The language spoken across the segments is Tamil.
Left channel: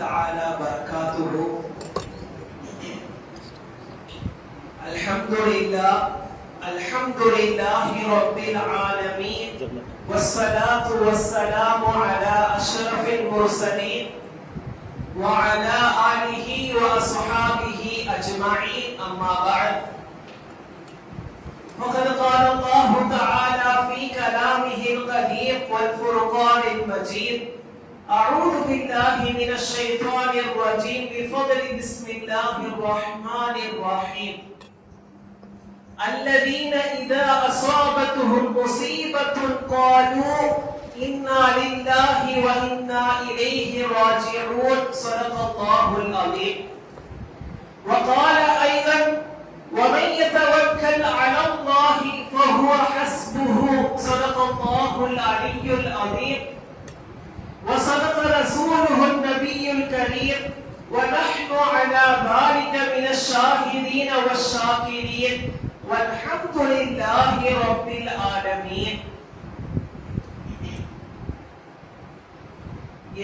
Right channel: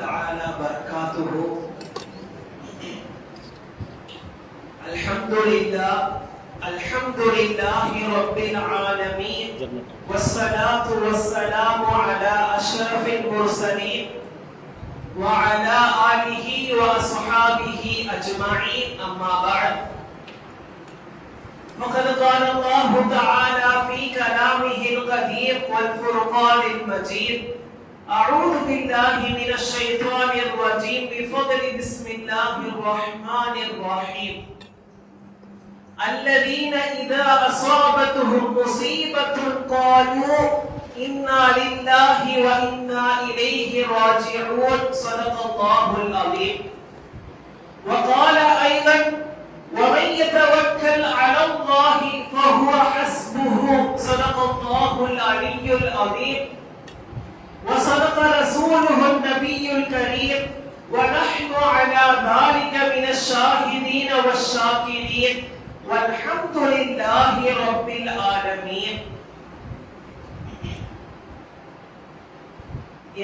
تعالى وبركاته. الحمد لله رب العالمين، والصلاة والسلام على أشرف المرسلين وعلى آله وأصحابه أجمعين، أما بعد. فقد قال الله تعالى في كلامه القديم والفرقان المجيد: أعوذ بالله من الشيطان الرجيم بفضل بسم الله الرحمن الرحيم. الذين إذا أصابتهم مصيبة قالوا إنا لله وإنا إليه راجعون. صدق الله العظيم. وقال أيضا: ومن يتوكل على الله فهو حسبه. صدق الله العلي العظيم. وصدق رسوله النبي الكريم، ونحن على ذلك من الشاهدين والشاكرين، والحمد لله رب العالمين.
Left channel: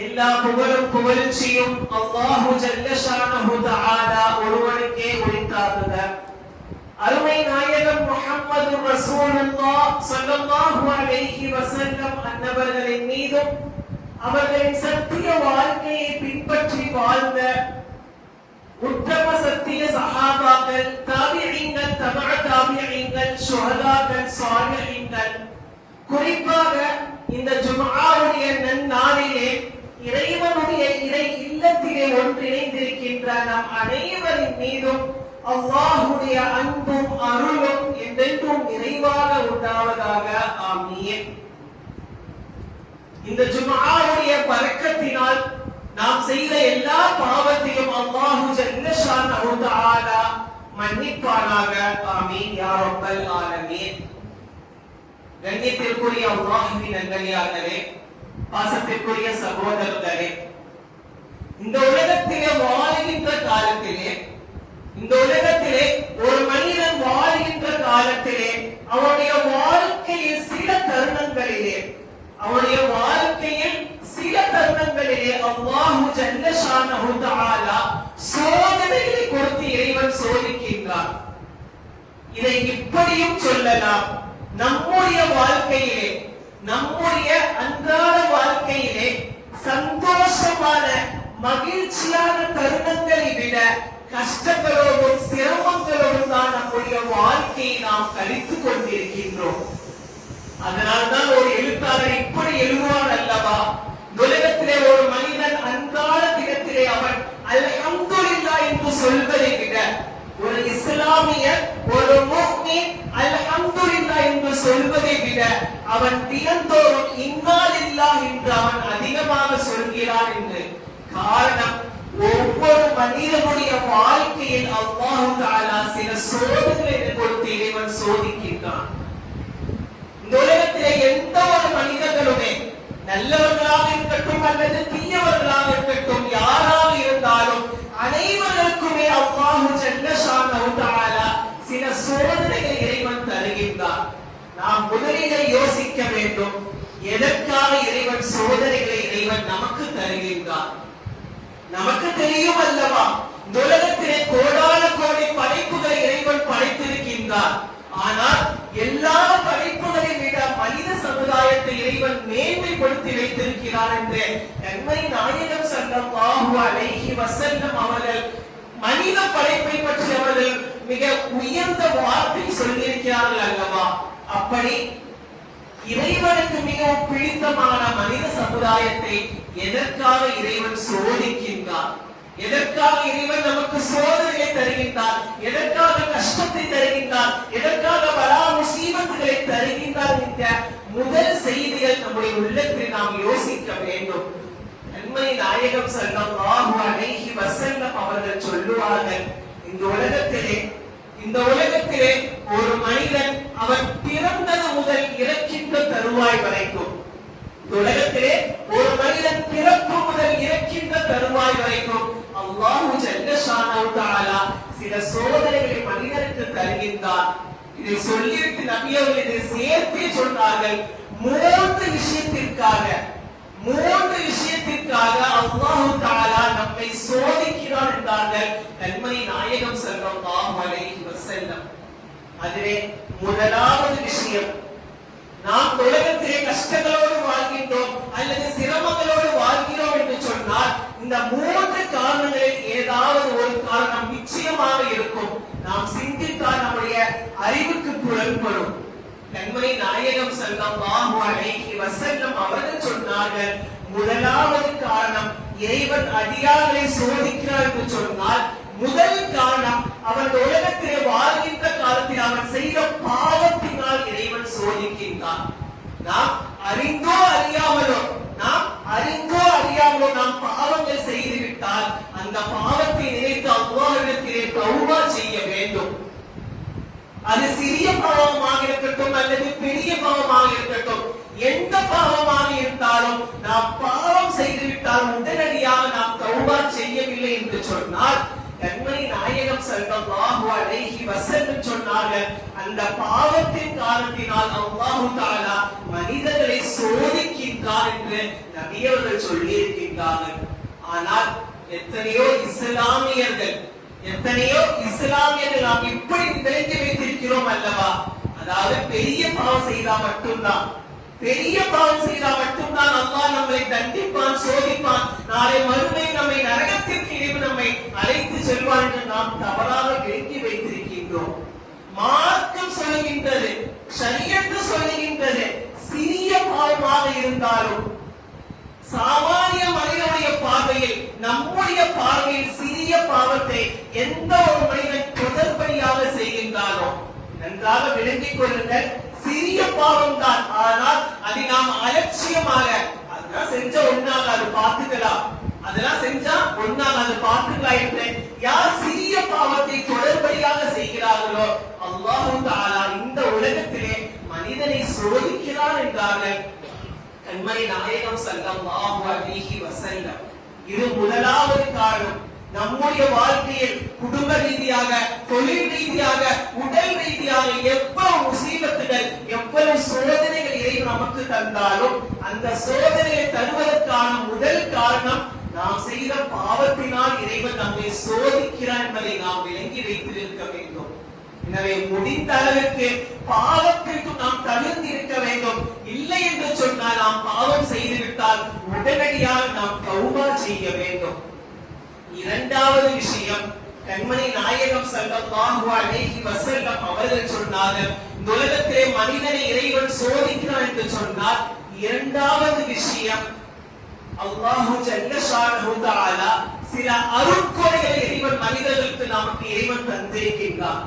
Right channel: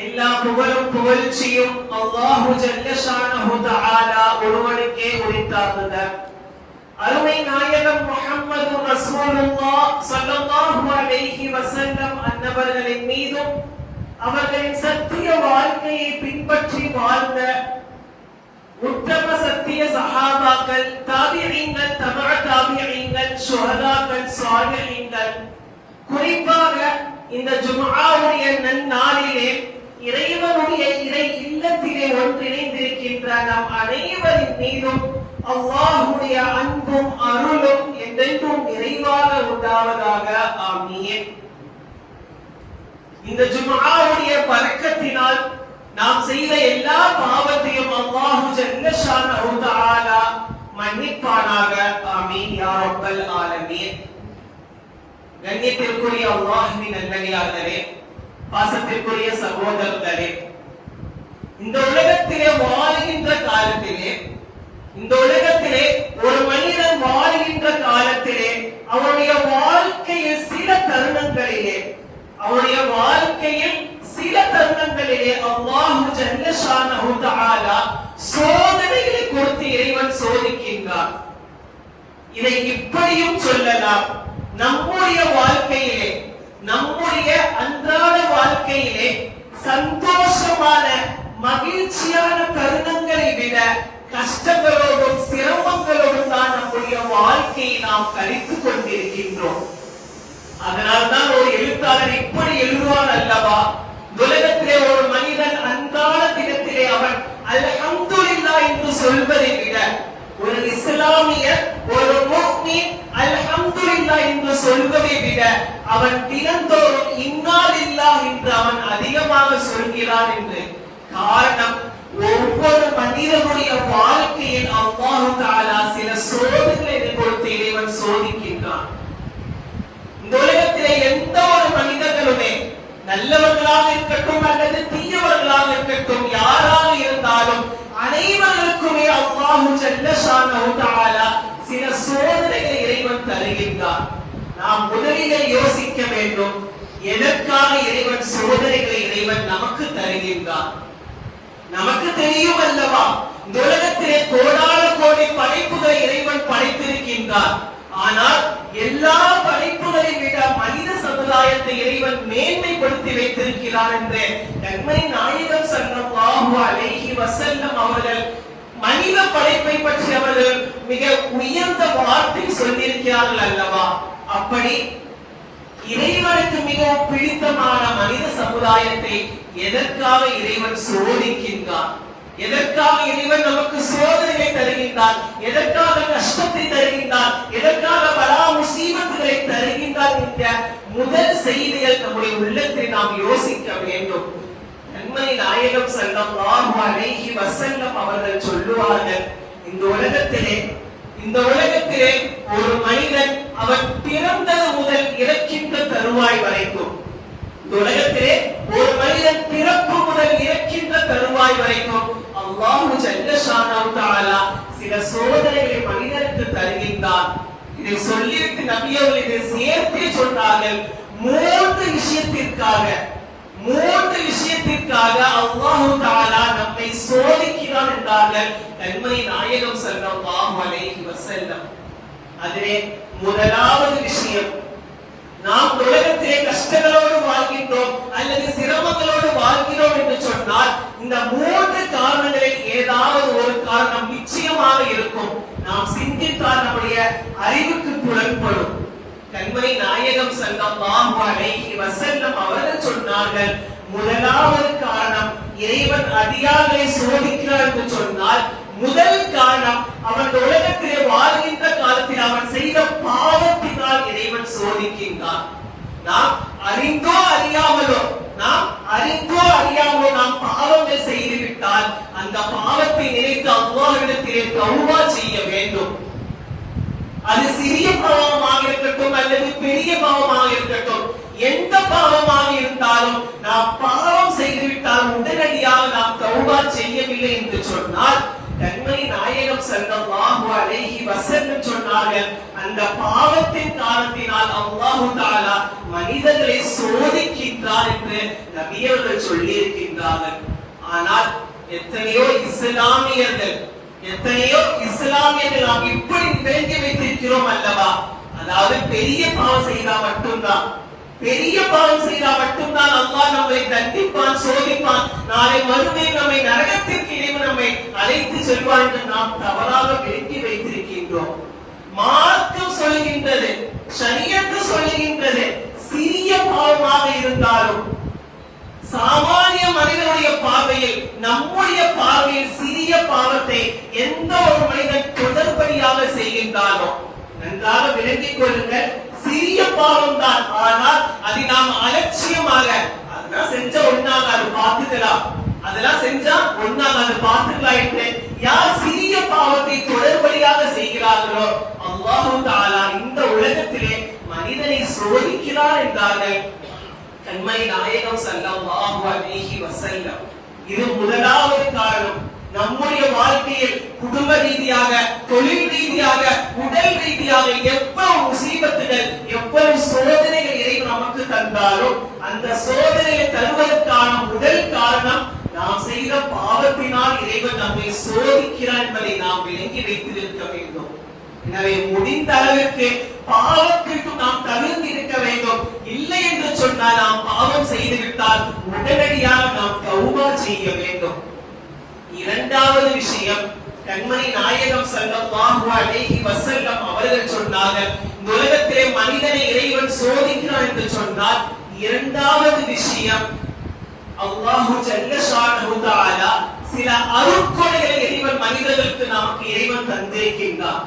எல்லா புகழும் புகழ்ச்சியும் அல்லாஹு ஜல்ல ஷானஹு தஆலா ஒருவனுக்கே உரித்தாகுக. அருமை நாயகம் முஹம்மது ரசூலுல்லாஹ் ஸல்லல்லாஹு அலைஹி வஸல்லம் அன்னவர்களின் மீதும் அவர்களின் சத்திய வாழ்க்கையை பின்பற்றி வாழ்ந்த உத்தம சத்திய சஹாபாக்கள், தாபிஈன்கள், தபஅ தாபிஈன்கள், ஷுஹதாக்கள், ஸாலிஹீன்கள், குறிப்பாக இந்த ஜும்ஆவுடைய நன்னாளிலே இறைவனுடைய இறை இல்லத்திலே ஒன்றிணைந்திருக்கின்ற நம் அனைவரின் மீதும் அல்லாஹ்வுடைய அன்பும் அருளும் என்றென்றும் நிறைவாக உண்டாவதாக. ஆமீன். இந்த ஜும்ஆவுடைய பரக்கத்தினால் நாம் செய்த எல்லா பாவத்தையும் அல்லாஹு ஜல்ல ஷானஹு தஆலா மன்னிப்பானாக. ஆமீன் யா ரப்பல் ஆலமீன். கண்ணியத்திற்குரிய அல்லாஹ்வின் நல்லடியார்களே, பாசத்திற்குரிய சகோதரர்களே, இந்த உலகத்திலே வாழ்கின்ற காலத்திலே, இந்த உலகத்திலே ஒரு மனிதன் வாழ்கின்ற காலத்திலே அவனுடைய வாழ்க்கையில் சில தருணங்களிலே அல்லாஹு ஜல்ல ஷானஹு தஆலா சோதனைகளை கொடுத்து இறைவன் சோதிக்கின்றான். இதை இப்படியும் சொல்லலாம், நம்முடைய வாழ்க்கையிலே, நம்முடைய அன்றாட வாழ்க்கையிலே சந்தோஷமான மகிழ்ச்சியான தருணங்களை விட கஷ்டங்களோடும் சிரமங்களோடும் தான் நம்முடைய வாழ்க்கையை நாம் கழித்துக் கொண்டிருக்கின்றோம். அதனால்தான் ஒரு எழுத்தாளர் இப்படி எழுதுவான் அல்லவா: உலகத்திலே ஒரு மனிதன் அன்றாட தினத்திலே அவன் அல்ஹம்துலில்லாஹ் என்று சொல்வதை விட ஒரு இஸ்லாமியர், ஒரு முஃமின் அல்ஹம்துலில்லாஹ் என்று சொல்வதை விட அவன் தினந்தோறும் இன்னா லில்லாஹ் என்று அவன் அதிகமாக சொல்கிறான் என்று. காரணம், ஒவ்வொரு மனிதனுடைய வாழ்க்கையில் அல்லாஹ் தஆலா சில சோதனைகளை கொடுத்து இறைவன் சோதிக்கின்றான். இந்த உலகத்திலே எந்த ஒரு மனிதர்களுமே, நல்லவர்களாக இருக்கட்டும் அல்லது தீயவர்களாக இருக்கட்டும், யாராக இருந்தாலும் அனைவருக்குமே அல்லாஹு ஜல்ல ஷானஹு தஆலா சில சோதனைகளை இறைவன் தருகின்றான். நாம் முதலிலே யோசிக்க வேண்டும், எதற்காக இறைவன் சோதனைகளை இறைவன் நமக்கு தருகின்றான்? நமக்கு தெரியும் அல்லவா, இந்த உலகத்திலே கோடான கோடி படைப்புகளை இறைவன் படைத்திருக்கின்றான். ஆனால் எல்லா படைப்புகளை விட மனித சமுதாயத்தை இறைவன் மேன்மைப்படுத்தி வைத்திருக்கிறார் என்று நன்மை நாயகம் ஸல்லல்லாஹு அலைஹி வஸல்லம் அவர்கள் மனித படைப்பை பற்றி அவர்கள் மிக உயர்ந்த வார்த்தை சொல்லியிருக்கிறார்கள் அல்லவா. அப்படி இறைவனுக்கு மிகவும் பிடித்தமான மனித சமுதாயத்தை எதற்காக இறைவன் சோதிக்கின்றான்? எதற்காக இறைவன் நமக்கு சோதனையை தருகின்றான்? எதற்காக கஷ்டத்தை தருகின்றான்? எதற்காக பலா முசீபத்துகளை தருகின்றான் என்ற முதல் செய்திகள் நம்முடைய உள்ளத்தில் நாம் யோசிக்க வேண்டும். நன்மணி நாயகம் ஸல்லல்லாஹு அலைஹி வஸல்லம் அவர்கள் சொல்லுவார்கள், இந்த உலகத்திலே ஒரு மனிதன் அவன் பிறந்தது முதல் இறக்கின்ற தருவாய் வரைக்கும், இந்த உலகத்திலே ஒரு மனிதன் பிறப்பு முதல் இறக்கின்ற தருவாய் வரைக்கும் அல்லாஹு ஜல்ல ஷானஹு தஆலா சில சோதனைகளை மனிதனுக்கு தருகின்றான். இதை சொல்லிவிட்டு நபி அவர்கள் இதை சேர்த்தே சொன்னார்கள், மூன்று விஷயத்திற்காக மூன்று விஷயத்திற்காக அல்லாஹ் தஆலா நம்மை சோதிக்கிறான் என்றார்கள் கண்மணி நாயகம் ஸல்லல்லாஹு அலைஹி வஸல்லம். அதிலே முதலாவது விஷயம், நாம் உலகத்திலே கஷ்டங்களோடு வாழ்கின்றோம் அல்லது சிரமங்களோடு வாழ்கிறோம் என்று சொன்னால் இந்த மூன்று காரணங்களில் ஏதாவது ஒரு காரணம் நிச்சயமாக இருக்கும். நாம் சிந்தித்தால் நம்முடைய அறிவுக்கு புலன்படும். கண்மணி நாயகம் ஸல்லல்லாஹு அலைஹி வஸல்லம் அவர்கள் சொன்னார்கள், முதலாவது காரணம் இறைவன் அடியார்களை சோதிக்கிறார் என்று சொன்னால் முதல் காரணம் அவன் உலகத்திலே வாழ்கின்ற காலத்தில் அவன் செய்த பாவத்தினால் இறைவன் சோதிக்கின்றான். நாம் அறிந்தோ அறியாமலோ நாம் பாவங்கள் செய்துவிட்டால் அந்த பாவத்தை நினைத்து அல்லாஹ்விடத்திலே தௌபா செய்ய வேண்டும். அது சிறிய பாவமாக இருக்கட்டும் அல்லது பெரிய பாவமாக இருக்கட்டும், எந்த பாவமாக இருந்தாலும் நாம் பாவம் செய்துவிட்டால் உடனடியாக நாம் தௌபா செய்யவில்லை என்று சொன்னால் கண்மணி நாயகம் ஸல்லல்லாஹு அலைஹி வஸல்லம் சொன்னார்கள், அந்த பாவத்தின் காரணத்தினால் அல்லாஹ் தஆலா மனிதர்களை சோதிக்கின்றார் என்று நபி அவர்கள் சொல்லி இருக்கின்றார்கள். ஆனால் எத்தனையோ இஸ்லாமியர்கள் நாம் இப்படி விளங்கி வைத்திருக்கிறோம் அல்லவா, அதாவது பெரிய பாவம் செய்தால் மட்டும்தான் அல்லாஹ் நம்மை தண்டிப்பான், சோதிப்பான், நாளை மறுமை நம்மை நரகத்திற்கு இறைவன் நம்மை அழைத்து செல்வான் என்று நாம் தவறாக விளங்கி வைத்திருக்கின்றோம். மார்க்கம் சொல்கின்றது, ஷரியத்து சொல்கின்றது, சிறிய பாவமாக இருந்தாலும் சாமானிய மனிதனுடைய பார்வையில், நம்முடைய பார்வையில் சிறிய பாவத்தை எந்த ஒரு மனிதன் தொடர்படியாக செய்கின்றானோ நன்றாக விளங்கிக் கொள்ளுங்கள், சிறிய பாவம் தான். ஆனால் அதை நாம் அலட்சியமாக அதெல்லாம் செஞ்சா ஒண்ணாக அது பார்த்துக்கலாம், அதெல்லாம் செஞ்சா ஒண்ணாக அது பார்த்துக்கலாம் என்று யார் சிறிய பாவத்தை தொடர்படியாக செய்கிறார்களோ அல்லாஹ் தஆலா இந்த உலகத்திலே மனிதனை சோதிக்கிறார் என்றார்கள் கண்மணி நாயகம் ஸல்லல்லாஹு அலைஹி வஸல்லம். இது முதலாவது காரணம். நம்முடைய வாழ்க்கையில் குடும்ப ரீதியாக, தொழில் ரீதியாக, உடல் ரீதியாக எவ்வளவு முசீபத்துகள், எவ்வளவு சோதனைகள் இறைவன் நமக்கு தந்தாலும் அந்த சோதனையை தருவதற்கான முதல் காரணம் நாம் செய்த பாவத்தினால் இறைவன் நம்மை சோதிக்கிறான் என்பதை நாம் விளங்கி வைத்திருக்க வேண்டும். எனவே முடிந்த அளவிற்கு பாவத்திற்கு நாம் தவிர்த்து இருக்க வேண்டும். இல்லை என்று சொன்னால் நாம் பாவம் செய்துவிட்டால் உடனடியாக நாம் தௌபா செய்ய வேண்டும். இரண்டாவது விஷயம், கண்மணி நாயகம் ஸல்லல்லாஹு அலைஹி வஸல்லம் அவர்கள் சொன்னார்கள், இந்த உலகத்திலே மனிதனை இறைவன் சோதிக்கிறான் என்று சொன்னால் இரண்டாவது விஷயம், அல்லாஹு ஜல்ல ஷானஹு தஆலா சில அருட்கொடைகளை இறைவன் மனிதர்களுக்கு நமக்கு இறைவன் தந்திருக்கின்றார்.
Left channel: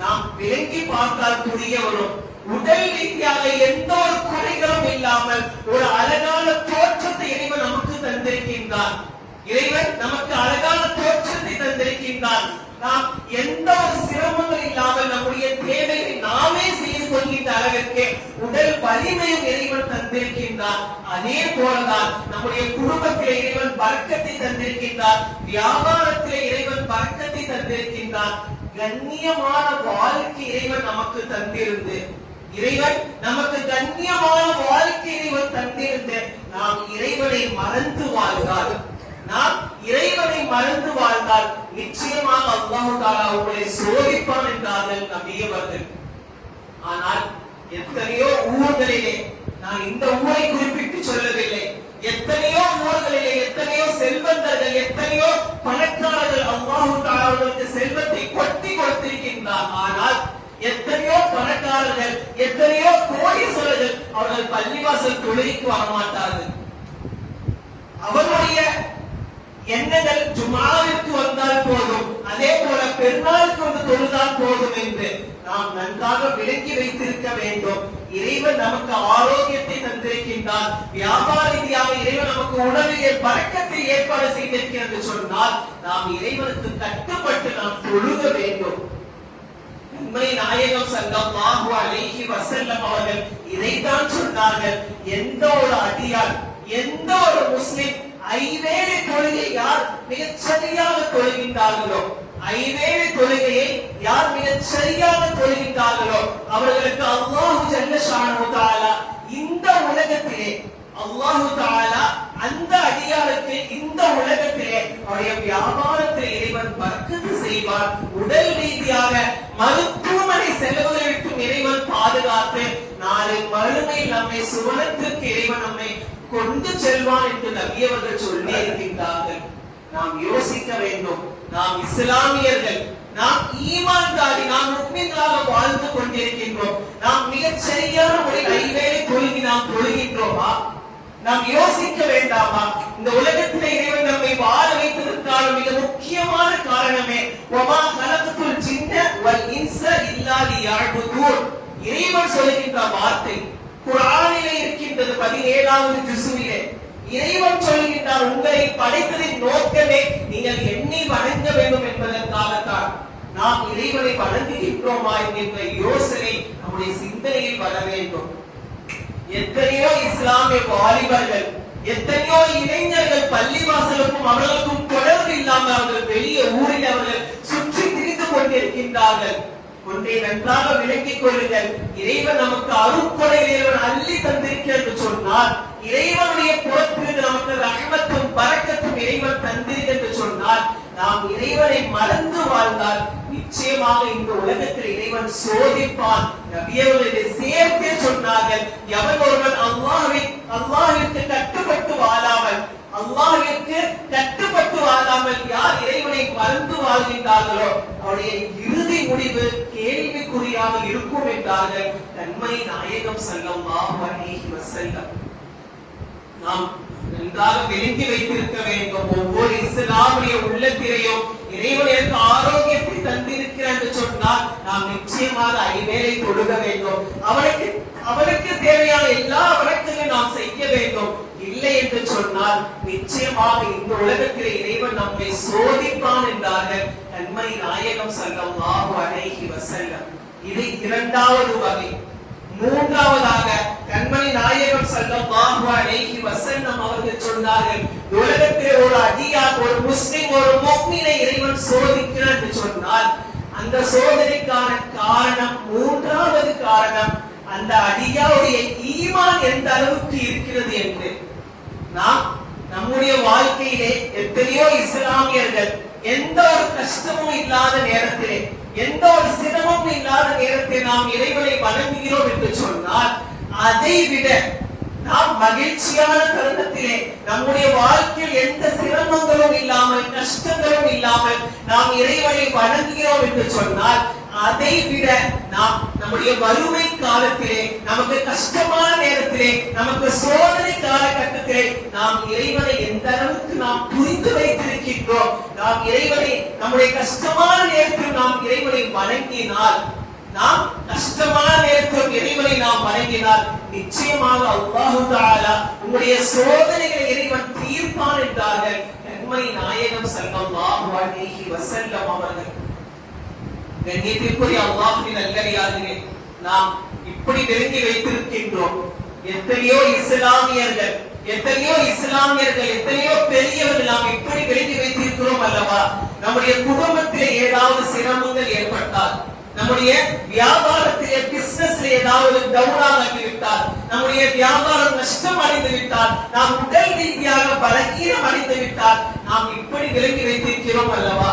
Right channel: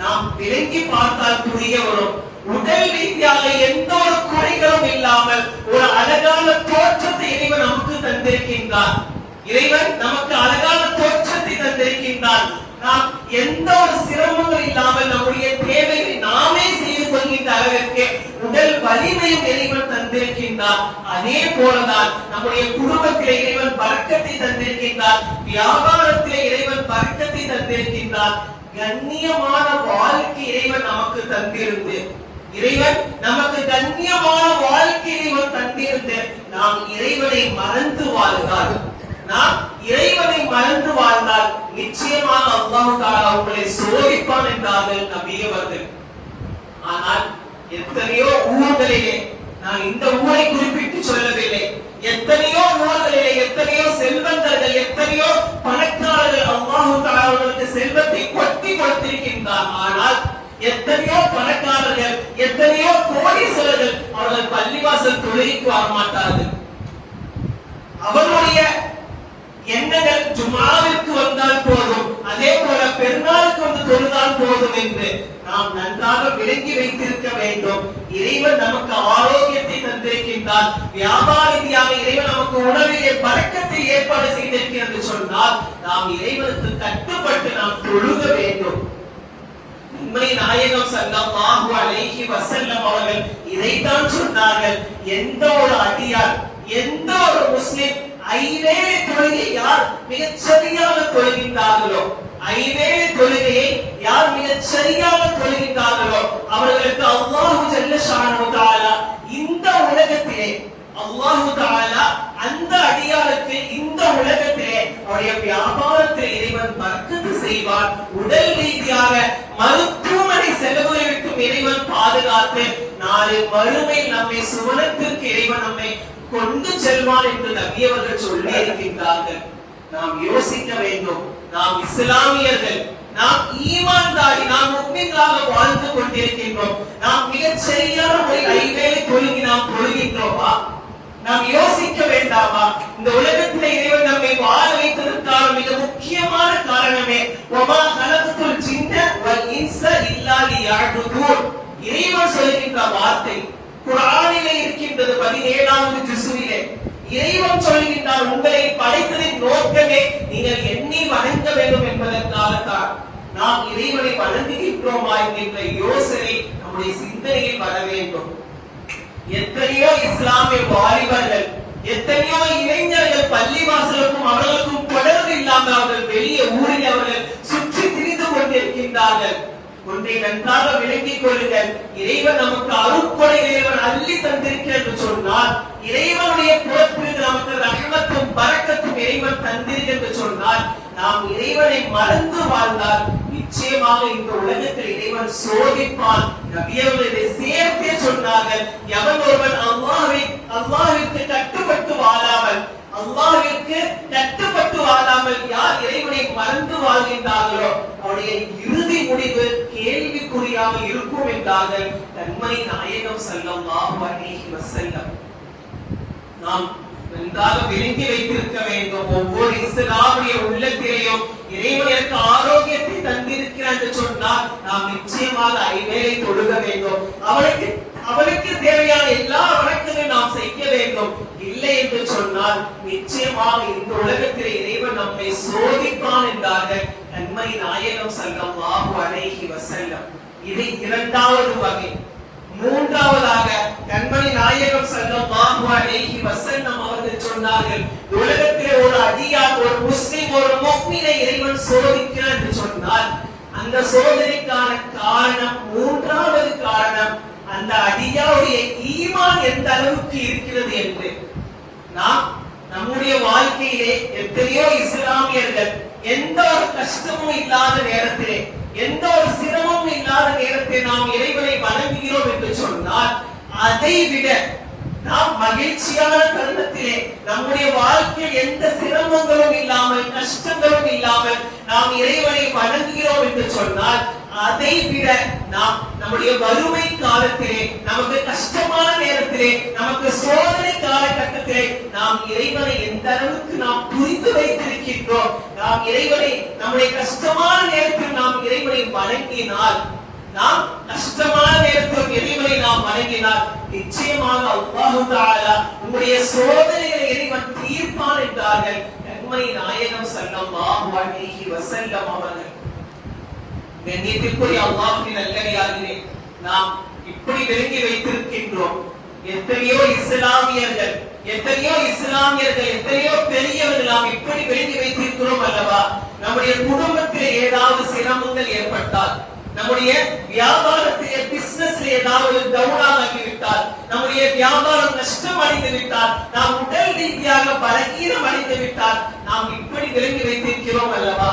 நாம் விளங்கி பார்த்தால் புரிய வரும். உடல் ரீதியாக எந்த ஒரு குறைகளும் இல்லாமல் ஒரு அழகான தோற்றத்தை இறைவன் நமக்கு தந்திருக்கின்றார். இறைவன் நமக்கு அழகான தோற்றத்தை தந்திருக்கின்றான். நாம் எந்த ஒரு சிரமங்கள் இல்லாமல் நம்முடைய தேவையை நாமே செய்து கொள்கின்ற அளவிற்கு உடல் வலிமையும் இறைவன் தந்திருக்கின்றார். அதே போலதான் நம்முடைய குடும்பத்திலே இறைவன் பரக்கத்தை தந்திருக்கின்றார், வியாபாரத்திலே இறைவன் பரக்கத்தை தந்திருக்கின்றார். கண்ணியமான வாழ்க்கை இறைவன் நமக்கு தந்திருந்து, நாம் இறைவனை மறந்து வாழ்ந்தால் நிச்சயமாக அல்லாஹ் தஆலா உங்களை சோதிப்பான் என்றார்கள் நபி அவர்கள். ஆனால் எத்தனையோ ஊர்களிலே, நான் இந்த ஊரை குறிப்பிட்டு சொல்லவில்லை, எத்தனையோ ஊர்களிலே எத்தனையோ செல்வந்தர்கள், எத்தனையோ பணக்காரர்கள் அல்லாஹ் தஆலா அவர்களுக்கு செல்வத்தை கொட்டி கொடுத்திருக்கின்றார். ஆனால் எத்தனையோ பணக்காரர்கள், எத்தனையோ கோடீஸ்வரர்கள் அவர்கள் பள்ளிவாசல் தொழுகைக்கு வர மாட்டார்கள். அவருடைய எண்ணங்கள் ஜும்ஆவிற்கு வந்தால் போதும், அதே போல பெருநாளுக்கு வந்து தொழுதால் போதும் என்று நாம் நன்றாக விளங்கி வைத்திருக்க வேண்டும். இறைவன் நமக்கு ஆரோக்கியத்தை தந்திருக்கின்றார், வியாபார ரீதியாக இறைவன் நமக்கு உணவிலே பரக்கத்தை ஏற்பாடு செய்திருக்கிறது சொன்னால் நாம் இறைவனுக்கு கட்டுப்பட்டு நாம் தொழுக வேண்டும். உண்மை நாயகம் ஸல்லல்லாஹு அலைஹி வஸல்லம் அவர்கள் இதைத்தான் சொன்னார்கள். எந்த ஒரு அடியார், எந்த ஒரு முஸ்லிம் ஐவேளை தொழுகை யார் மிகச் சரியாக தொழுகின்றார்களோ, ஐவேளை தொழுகையை யார் மிகச் சரியாக தொழுகின்றார்களோ அவர்களுக்கு அல்லாஹ் ஜல்ல ஷானஹு தஆலா இந்த உலகத்திலே அல்லாஹு தஆலா அந்த அடியாருக்கு இந்த உலகத்திலே அவருடைய வியாபாரத்தில் இறைவன் பரக்கத்து செய்வார். உடல் ரீதியாக மருத்துவமனை செலவுகளை விட்டும் இறைவன் பாதுகாத்து நாளை மறுமை நம்மை சுவனத்திற்கு இறைவன் நம்மை கொண்டு செல்வான் என்று நபி அவர்கள் சொல்லி இருக்கின்றார்கள். நாம் யோசிக்க வேண்டும். நாம் இஸ்லாமியர்கள், நாம் ஈமான்தாரி, நாம் முஸ்லிம்களாக வாழ்ந்து கொண்டிருக்கின்றோம். நாம் மிகச் சரியான முறையில் ஐவேளை தொழுகி நாம் தொழுகின்றோமா? நாம் யோசிக்க வேண்டாமா? இந்த உலகத்திலே இறைவன் நம்மை வாழ வைத்ததற்கான மிக முக்கியமான காரணமே வமா கலகத்துல் ஜின்ன வல் இன்ஸ இல்லா லியஅபுதூன். இறைவன் சொல்கின்ற வார்த்தை குர்ஆனிலே இருக்கின்றது. 17வது ஜுஸ்ஸிலே இறைவன் சொல்கின்றார், உங்களை படைத்ததின் நோக்கமே நீங்கள் என்னை வணங்க வேண்டும் என்பதற்காகத்தான். நாம் இறைவனை வணங்குகின்றோமா என்கின்ற யோசனை நம்முடைய சிந்தனையில் வர வேண்டும். எத்தனையோ இஸ்லாமிய வாலிபர்கள், எத்தனையோ இளைஞர்கள் பள்ளிவாசலுக்கும் அவர்களுக்கும் தொடர்பு இல்லாமல் அவர்கள் வெளியே ஊரில் அவர்கள் சுற்றி திரிந்து கொண்டிருக்கின்றார்கள். ஒன்றை நன்றாக விளங்கிக் கொள்ளுங்கள். இறைவன் நமக்கு அருட்கொடை இறைவன் அள்ளி தந்திருக்கிறார் என்று சொன்னால், இறைவனுடைய புறத்திலிருந்து நமக்கு ரஹ்மத்தும் பரக்கத்தும் இறைவன் தந்திருக்கிறார் என்று சொன்னால், நாம் இறைவனை மறந்து வாழ்ந்தால் நிச்சயமாக இந்த உலகத்தில் இறைவன் சோதிப்பான். நபியவர்களை சேர்த்தே சொன்னார்கள், எவன் ஒருவன் அல்லாஹ்விற்கு கட்டுப்பட்டு வாழாமல், அல்லாஹ்விற்கு கட்டுப்பட்டு வாழாமல் யார் இறைவனை மறந்து வாழ்கின்றார்களோ அவருடைய இறுதி முடிவு கேள்விக்குறியாக இருக்கும் என்றார்கள் கண்மணி நாயகம் ஸல்லல்லாஹு அலைஹி வஸல்லம். நாம் நன்றாக விளங்கி வைத்திருக்க வேண்டும். ஒவ்வொரு இஸ்லாமிய உள்ளத்திலேயும் இறைவன் எனக்கு ஆரோக்கியத்தை தந்திருக்கிறார் என்று சொன்னால் நாம் நிச்சயமாக ஐவேளை தொழுக வேண்டும். அவனுக்கு தேவையான எல்லா வணக்கங்களையும் நாம் செய்ய வேண்டும். இல்லை என்று சொன்னால் நிச்சயமாக இந்த உலகத்திலே இறைவன் நம்மை சோதிப்பான் என்றார்கள் கண்மணி நாயகம் ஸல்லல்லாஹு அலைஹி வஸல்லம். இது இரண்டாவது வகை. மூன்றாவதாக கண்மணி நாயகம் ஸல்லல்லாஹு அலைஹி வஸல்லம் அவர்கள் சொன்னார்கள், உலகத்திலே ஒரு அடியார், ஒரு முஸ்லிம், ஒரு முஃமினை இறைவன் சோதிக்கிறார் என்று சொன்னால் அந்த சோதனைக்கான காரணம், மூன்றாவது காரணம், அந்த அடியாருடைய ஈமான் எந்த அளவுக்கு இருக்கிறது என்று. நாம் நம்முடைய வாழ்க்கையிலே எத்தனையோ இஸ்லாமியர்கள் எந்த ஒரு கஷ்டமும் இல்லாத நேரத்திலே, எந்த ஒரு சிரமமும் இல்லாத நேரத்தில் நாம் இறைவனை வணங்குகிறோம் என்று சொன்னால், அதை விட நாம் மகிழ்ச்சியான தருணத்திலே நம்முடைய வாழ்க்கையில் எந்த சிரமங்களும் இல்லாமல், கஷ்டங்களும் இல்லாமல் நாம் இறைவனை வணங்குகிறோம் என்று சொன்னால், அதை விட நாம் நம்முடைய வறுமை காலத்திலே, நமக்கு கஷ்டமான நேரத்திலே, நமக்கு சோதனை காலகட்டத்திலே நாம் இறைவனை எந்த அளவுக்கு நாம் புரிந்து வைத்திருக்கின்றோம். நாம் இறைவனை நம்முடைய கஷ்டமான நேரத்தில் நாம் இறைவனை வணங்கினால், நாம் கஷ்டமான நேரத்தில் இறைவனை நாம் வணங்கினால் நிச்சயமாக அல்லாஹு தஆலா உங்களுடைய சோதனைகளை இறைவன் தீர்ப்பான் என்றார்கள் கண்மணி நாயகம் ஸல்லல்லாஹு அலைஹி வஸல்லம் அவர்கள். கண்ணியத்திற்குரிய அல்லாஹ்வின் நல்லடியார்களே, நாம் இப்படி விளங்கி வைத்திருக்கின்றோம். எத்தனையோ இஸ்லாமியர்கள், எத்தனையோ பெரியவர்கள் நாம் இப்படி விளங்கி வைத்திருக்கிறோம் அல்லவா? நம்முடைய குடும்பத்திலே ஏதாவது சிரமங்கள் ஏற்பட்டால், நம்முடைய வியாபாரத்திலே பிசினஸ்ல ஏதாவது டவுனாக ஆகிவிட்டால், நம்முடைய வியாபாரம் நஷ்டம் அடைந்து விட்டால், நாம் உடல் ரீதியாக பலகீனம் அடைந்து விட்டால் நாம் இப்படி விளங்கி வைத்திருக்கிறோம் அல்லவா?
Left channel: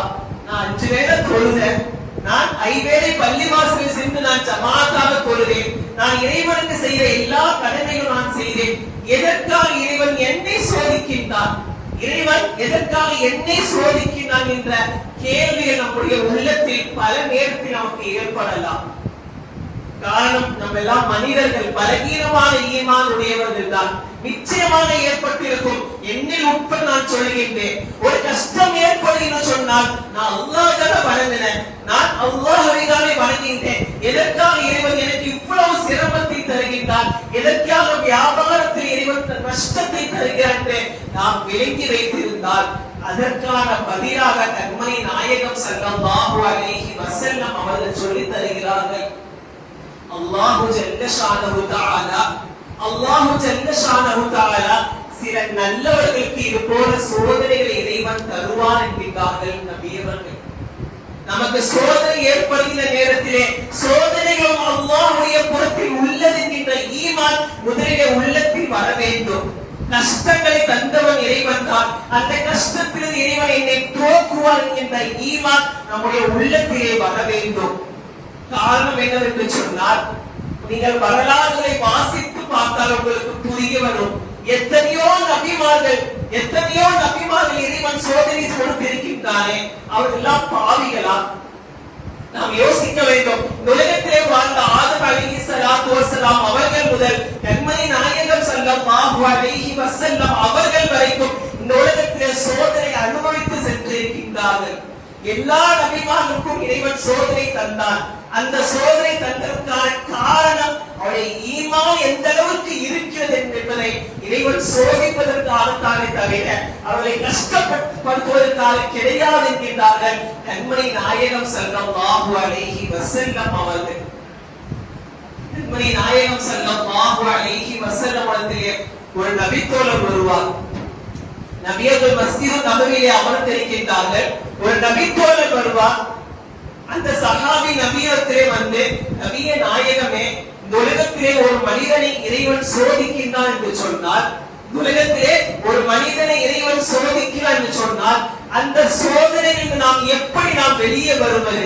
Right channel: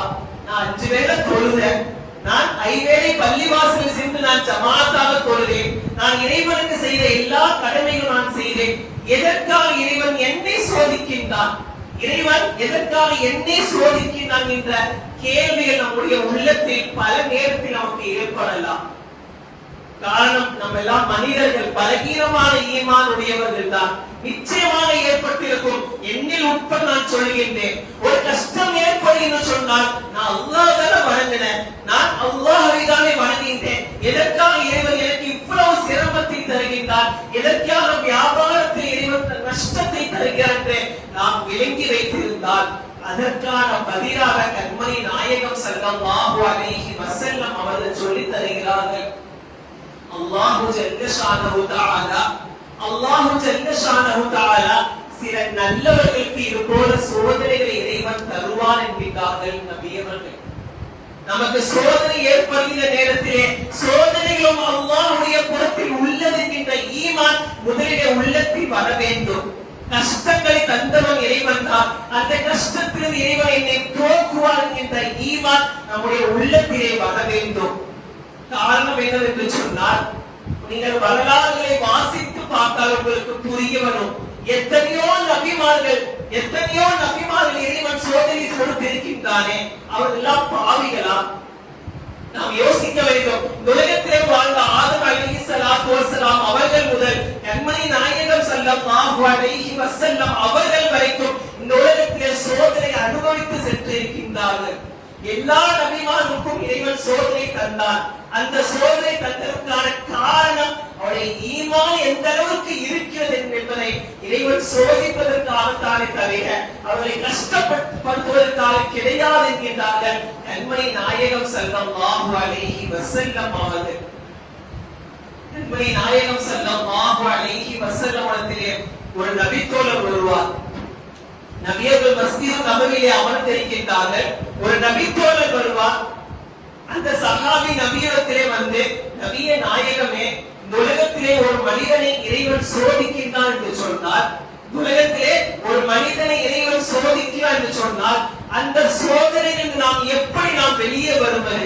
நான் 5 வேளை தொழுதேன், நான் 5 வேளை பள்ளிவாசலில் சென்று நான் ஜமாத்தாக தொழுதேன், நான் இறைவனுக்கு செய்த எல்லா கடமையும் நான் செய்தேன். எதற்காக இறைவன் என்னை சோதிக்கின்றான்? இறைவன் எதற்காக என்னை சோதிக்கின்றான் என்ற கேள்விகள் நம்முடைய உள்ளத்தில் பல நேரத்தில் நமக்கு ஏற்படலாம். காரணம், நம்ம எல்லாம் மனிதர்கள், பலகீனமான ஈமான் உடையவர்கள் தான். நிச்சயமாக ஏற்பட்டிருக்கும். என்னில் உட்பட நான் சொல்லுகின்றேன், ஒரு கஷ்டம் ஏற்படுகின்ற சொன்னால் நான் அல்லாஹ்வை வணங்கினேன், நான் அல்லாஹ்வை தானே வணங்குகின்றேன். எதற்காக இறைவன் எனக்கு இவ்வளவு சிரமத்தை தருகின்றான்? எதற்காக வியாபாரத்தில் இறைவன் நஷ்டத்தை தருகிறார் என்று நாம் விளங்கி வைத்திருந்தால் அதற்கான பதிலாக கண்மணி நாயகம் ஸல்லல்லாஹு அலைஹி வஸல்லம் அவர்கள் சொல்லித் தருகிறார்கள். அல்லாஹு ஜல்ல ஷானஹு தஆலா சில நல்லவர்களுக்கு இது போல சோதனைகளை இறைவன் தருவான் என்கிறார்கள் நபி அவர்கள். நமக்கு சோதனை ஏற்படுகின்ற நேரத்திலே சோதனைகளும் அல்லாஹ்வுடைய புறத்தில் உள்ளது என்கின்ற ஈமான் முதலிலே உள்ளத்தில் வர வேண்டும். கஷ்டங்களை தந்தவன் இறைவன் தான். அந்த கஷ்டத்தில் இறைவன் என்னை போக்குவார் என்கின்ற ஈமான் நம்முடைய உள்ளத்திலே வர வேண்டும். காரணம் என்னவென்று சொன்னால், நீங்கள் வரலாறுகளை வாசித்து பார்த்தால் உங்களுக்கு புரிய வரும். எத்தனையோ நபிமார்கள் இறைவன் சோதனை கொடுத்திருக்கின்றானே, அவர்கள் எல்லாம் பாவிகளா? நாம் யோசிக்க வேண்டும். உலகத்திலே வாழ்ந்த ஆதம் அலைஹிஸ்ஸலாத்து வஸ்ஸலாம் அவர்கள் முதல் கண்மணி நாயகம் ஸல்லல்லாஹு அலைஹி வஸல்லம் அவர்கள் வரைக்கும் இந்த உலகத்திலே சோதனை அனுபவித்து சென்றிருக்கின்றார்கள். எல்லா நபிமாருக்கும் இறைவன் சோதனை தந்தான். அந்த சோதனை தந்ததற்கான காரணம் அவருடைய ஈமான் எந்த அளவுக்கு இருக்கிறது என்பதை இறைவன் சோதிப்பதற்காகத்தானே தவிர அவர்களை கஷ்டப்படுத்துவதற்காக கிடையாது என்கின்றார்கள் கண்மணி நாயகம் ஸல்லல்லாஹு அலைஹி வஸல்லம் அவர்கள். கண்மணி நாயகம் ஸல்லல்லாஹு அலைஹி வஸல்லம் அவர்களே ஒரு நபித்தோழர் வருவார். நபியர்கள் மஸ்ஜித் நபவியிலே அமர்ந்திருக்கின்றார்கள். ஒரு நபித்தோழர் வருவார். அந்த சஹாபி நபியிடத்திலே வந்து, நபியே நாயகமே, இந்த உலகத்திலே ஒரு மனிதனை இறைவன் சோதிக்கின்றான் என்று சொன்னால், உலகத்திலே ஒரு மனிதனை இறைவன் சோதிக்கிறான் என்று சொன்னால், அந்த சோதனையிலிருந்து நாம் வெளியே வருவது?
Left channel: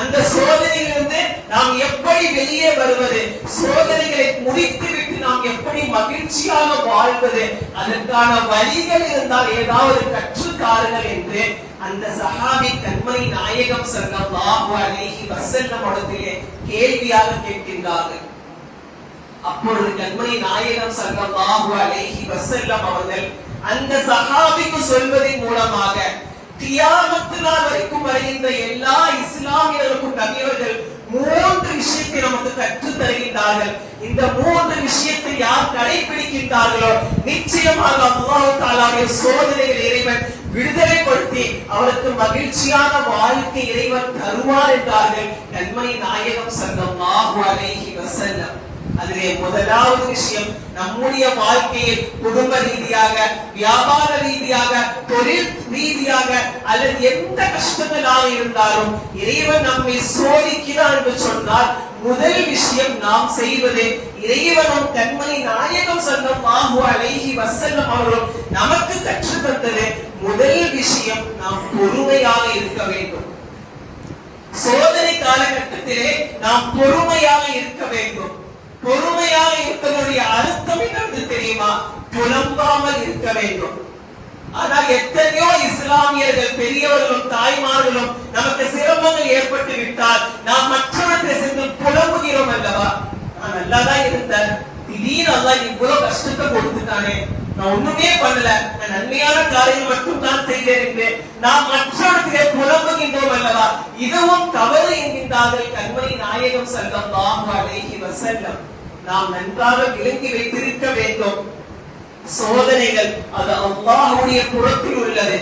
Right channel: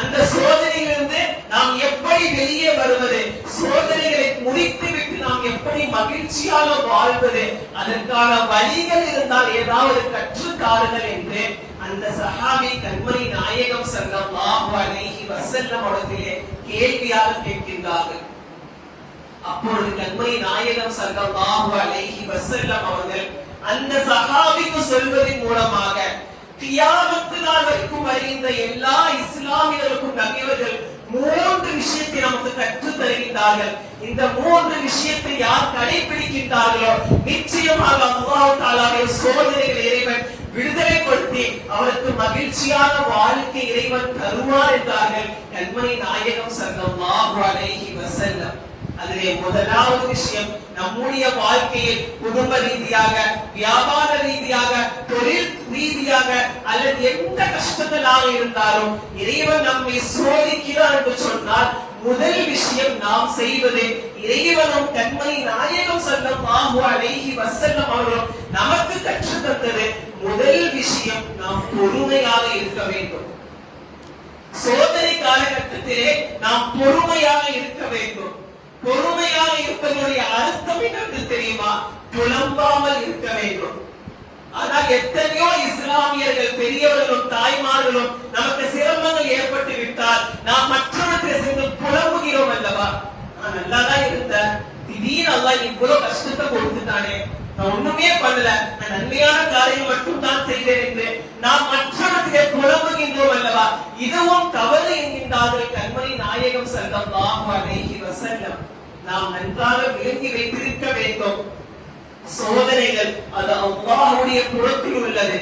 அந்த சோதனையிலிருந்து நாம் எப்படி வெளியே வருவது? சோதனைகளை முடித்துவிட்டு நாம் எப்படி மகிழ்ச்சியாக வாழ்வது? அதற்கான வழிகள் இருந்தால் ஏதாவது கற்றுத்தாருங்கள் என்று அந்த சஹாபி கண்மணி நாயகம் ஸல்லல்லாஹு அலைஹி வஸல்லம் அவர்களிடத்திலே கேள்வியாக கேட்கின்றார்கள். அப்பொழுது கண்மணி நாயகம் ஸல்லல்லாஹு அலைஹி வஸல்லம் அவர்கள் அந்த சஹாபிக்கு சொல்வதன் மூலமாக கியாமத் நாள் வரைக்கும் வருகின்ற எல்லா இஸ்லாமியர்களுக்கும் நபியவர்கள் 3 விஷயத்தை நமக்கு கற்றுத் தருகின்றார்கள். இந்த 3 விஷயத்தை யார் கடைபிடிக்கின்றார்களோ நிச்சயமாக அல்லாஹ் தஆலாவுடைய சோதனைகளை இறைவன் விடுதலைப்படுத்தி அவருக்கு மகிழ்ச்சியான வாழ்க்கை இறைவன் தருவார் என்றார்கள் கண்மணி நாயகம் ஸல்லல்லாஹு அலைஹி வஸல்லம். அதிலே முதலாவது விஷயம், நம்முடைய வாழ்க்கையில் குடும்ப ரீதியாக, வியாபார ரீதியாக, தொழில் ரீதியாக அல்லது எந்த கஷ்டங்களாக இருந்தாலும் இறைவன் நம்மை சோதிக்கிறார் என்று சொன்னால் முதல் விஷயம் நாம் செய்வது, இறைவனும் கண்மணி நாயகம் ஸல்லல்லாஹு அலைஹி வஸல்லம் அவர்கள் நமக்கு கற்றுத் தந்தது முதல் விஷயம், நாம் பொறுமையாக இருக்க வேண்டும். சோதனை காலகட்டத்திலே நாம் பொறுமையாக இருக்க வேண்டும். பொறுமையாக இருப்பதனுடைய அர்த்தம் என்னவென்று தெரியுமா? புலம்பாமல் இருக்க வேண்டும். ஆனால் எத்தனையோ இஸ்லாமியர்கள், பெரியவர்களும் தாய்மார்களும் நமக்கு சிரமங்கள் ஏற்பட்டு விட்டால் நாம் மற்றவர்களை சென்று புலம்புகிறோம் அல்லவா? நான் நல்லாதான் இருந்தேன், திடீர்னு அல்லாஹ் இவ்வளவு கஷ்டத்தை கொடுத்துட்டானே, நான் ஒண்ணுமே பண்ணல, நான் நன்மையான காரியங்கள் மட்டும் தான் செய்தேன் என்று நாம் மற்றவர்களை புலம்புகின்றோம் அல்லவா? இதுவும் தவறு என்கின்றார்கள் கண்மணி நாயகம் ஸல்லல்லாஹு அலைஹி வஸல்லம். நாம் நன்றாக விளங்கி வைத்திருக்க வேண்டும். சோதனைகள் அது அல்லாஹ்வுடைய புறத்தில் உள்ளது.